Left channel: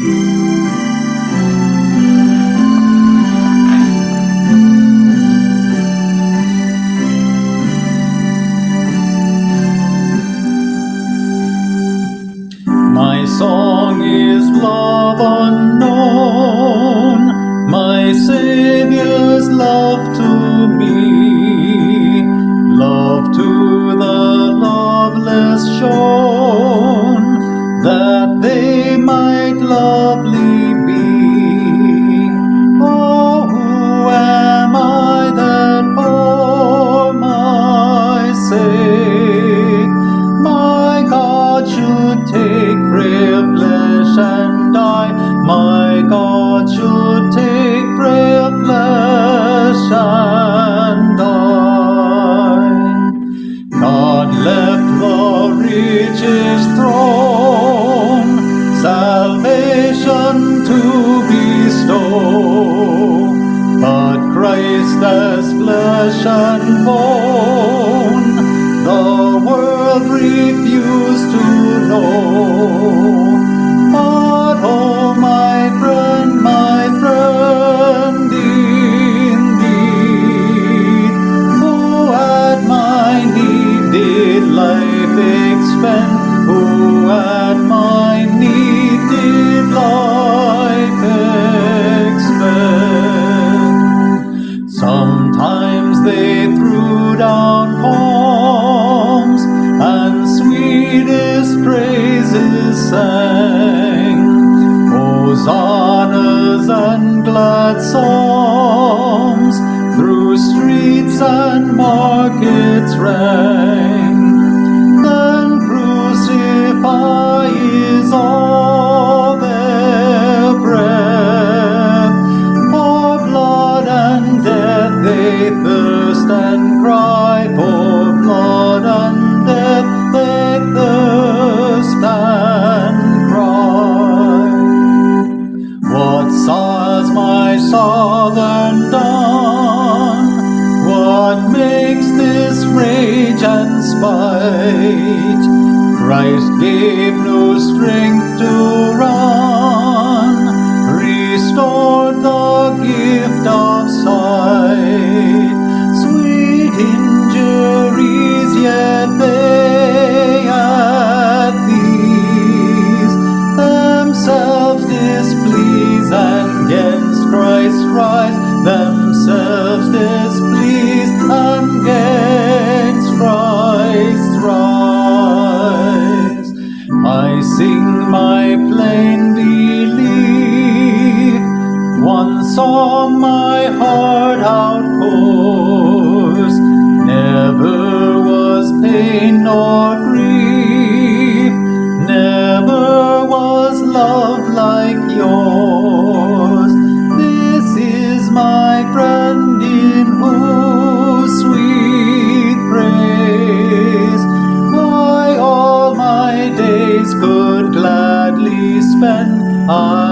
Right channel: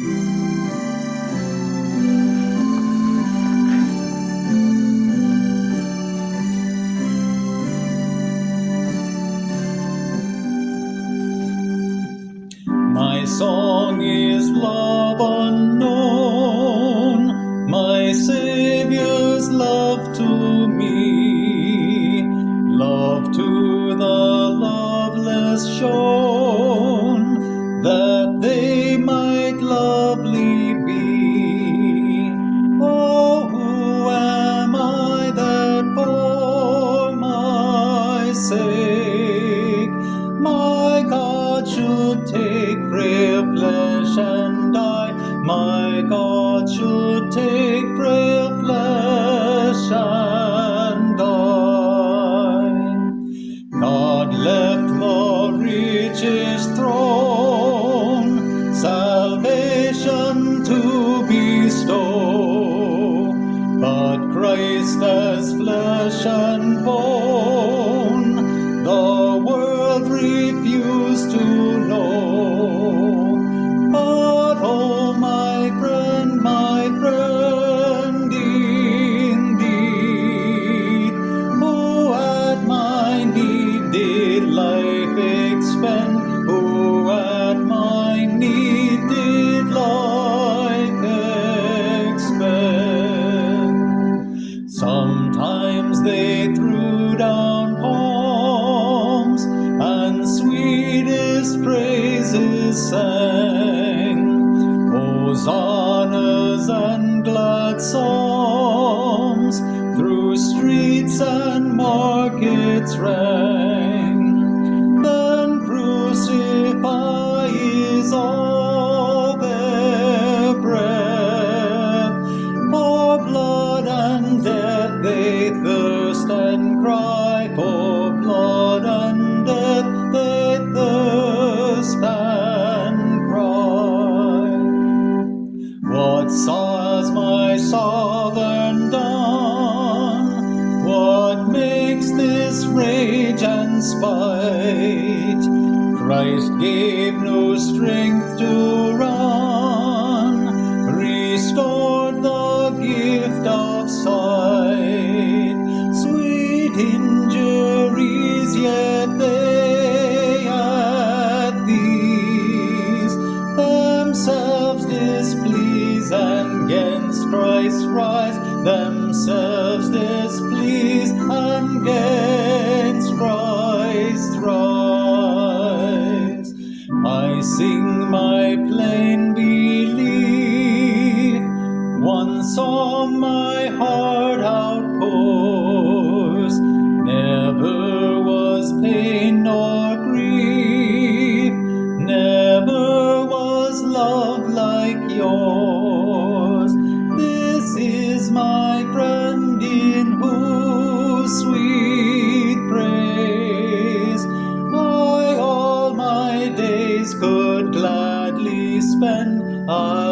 My song is love unknown, my Savior's love to me, love to the loveless shown, that they might lovely be. Oh, who am I that for my sake my God should take frail flesh and die? My God should take frail flesh and die. God left the richest throne, salvation to bestow, but Christ as flesh and bone the world refused to know. But oh, my friend indeed, who at my need did life expend, who at my need did life expend. Sometimes they threw down palms and sweetest praises sang, hosannas and glad psalms through streets and markets rang. Then crucify is all their breath, for blood and death they thirst and cry, for blood and death they thirst and cry. What has my Southern done? What makes this rage and spite? Christ gave no strength to run, restored the gift of sight. Sweet injuries yet they at these themselves displease, and 'gainst Christ rise, themselves displease, and 'gainst Christ rise. I sing my plain belief, one song my heart outpours. Never was pain nor grief, never was love like yours. This is my friend in whose sweet praise I all my days could gladly spend. I